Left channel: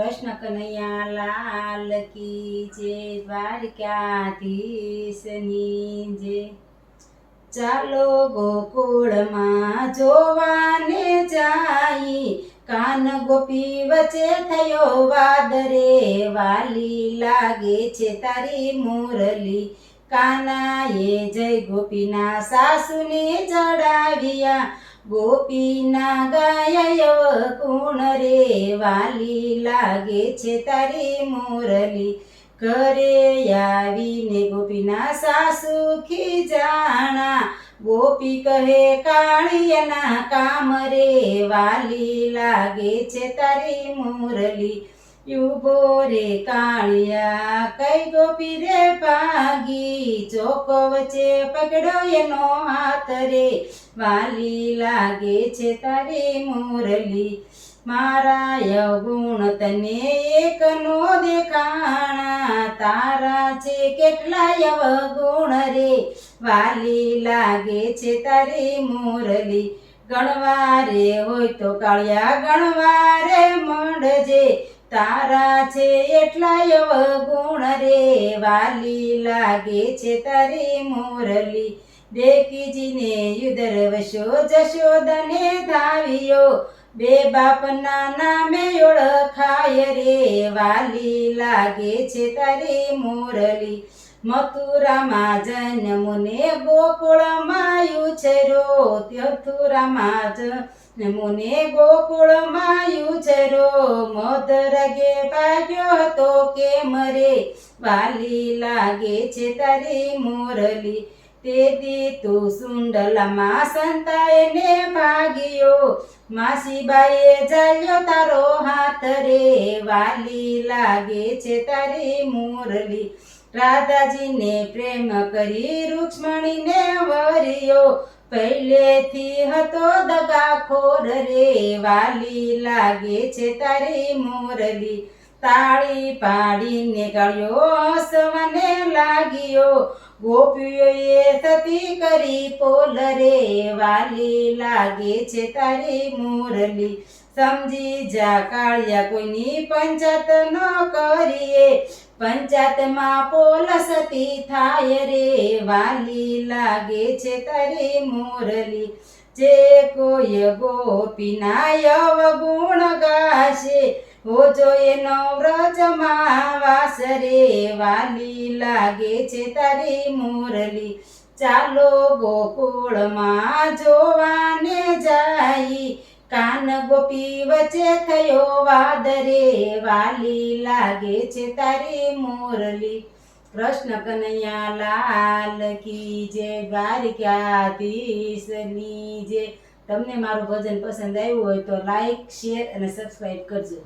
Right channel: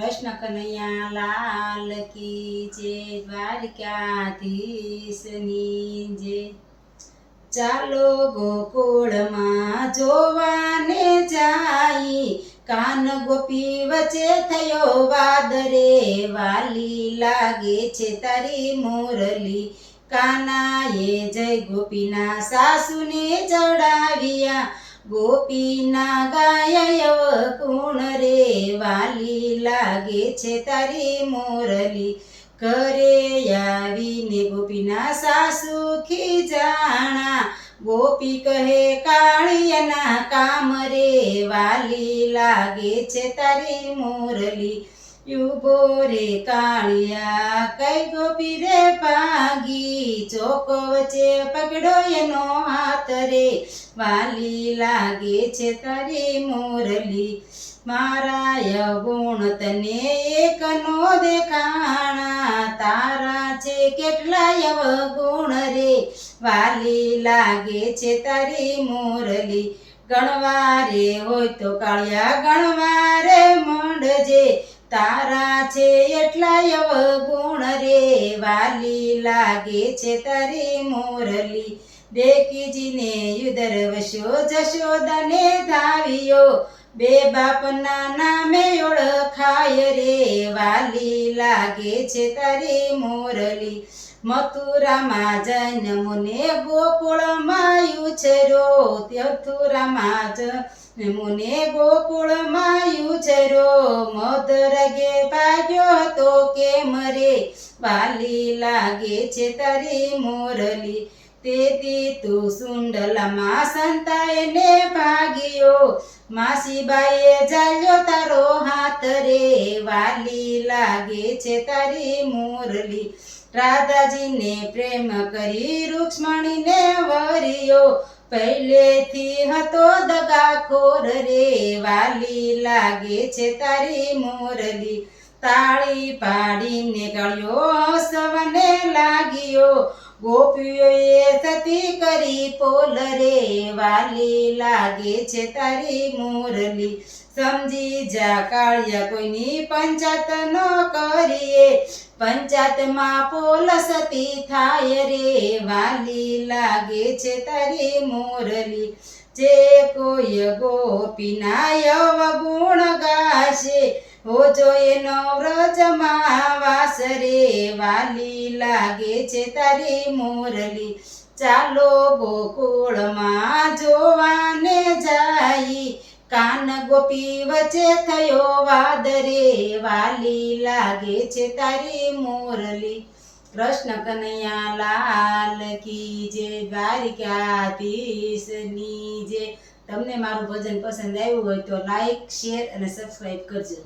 કૃષ્ણ કનૈયા લાલ કી જય, દ્વારકાધીશની જય। ચાલો ગોકુળમાં જોવાને જાઈ, કાન ગોપી વચ્ચે થયો વાદ રે, વાલી લાગે છે તારી મુરલી। કાનાએ જય ગોપીના સાસુને ચડાવ્યા, ગોપીના ગાયા કુણ રે, વાલી લાગે છે તારી મુરલી। ઘરે આવીને ગોપીના સાસુ ખીજાણા, ગોપી કહે કાળિયાના કામ રે, વાલી લાગે છે તારી મુરલી। યુભો રે કાળિયા કઈ ગોપી રે ભાગી, ચોક વચ્ચે પકડ્યો એનો હાથ રે, વાલી લાગે છે તારી મુરલી। મારા અવગુણ તને એક નો દેખાણા, તારા છે કેટલાય અવગુણ રે, વાલી લાગે છે તારી મુરલી। ગણવારે હોય તો કાળિયા ગણવારે મંડજે, તારા છે એટલાય અવગુણ રે, વાલી લાગે છે તારી મુરલી। દેવકીજીને યુદર વસ્યો જશોદાને ધાવ્યો, બે બાપના નામે ઓળખાય રે, વાલી લાગે છે તારી મુરલી। મથુરામાં જન્મુને ગોકુળમાં ઉછર્યો, મથુરામાં જન્મુને ગોકુળમાં ઉછર્યો, મધરગે ભાગ્યો હતો કેમ રે, વાલી લાગે છે તારી મુરલી। તેથી તું સુંડલામાં સંતાઈને ભાગ્યો, માસીબાઈએ ઝાલ્યો તારો હાથ રે, વાલી લાગે છે તારી મુરલી। રાધાજીને પ્રેમ કરી રૂક્ષ્મણીને વર્યો, પહેલેથી હતો દગાખોર રે, વાલી લાગે છે તારી મુરલી। તાળી પાડીને ગાળ્યો હસવાને લાગ્યો, ગોપીઓએ સતી કરી પોલ રે, વાલી લાગે છે તારી મુરલી। સમજી જા કાળિયા કોઈની પંચાયત ન કરીએ, પંચાયતમાં પોલ સતી થાય રે, વાલી લાગે છે તારી મુરલી। જે કોઈ ગોપીના અવગુણ ગાશે, હોજો એનો વ્રજમાં વાસ રે, વાલી લાગે છે તારી મુરલી। ચાલો ગોકુળમાં જોવાને જાઈ, કાન ગોપી વચ્ચે થયો વાદ રે, વાલી લાગે છે તારી મુરલી। કૃષ્ણ કનૈયા લાલ કી જય, દ્વારકાધીશની જય। તમને મારું ભજન પસંદ આવ્યું હોય તો લાઈક, શેર અને સબસ્ક્રાઈબ કરજો।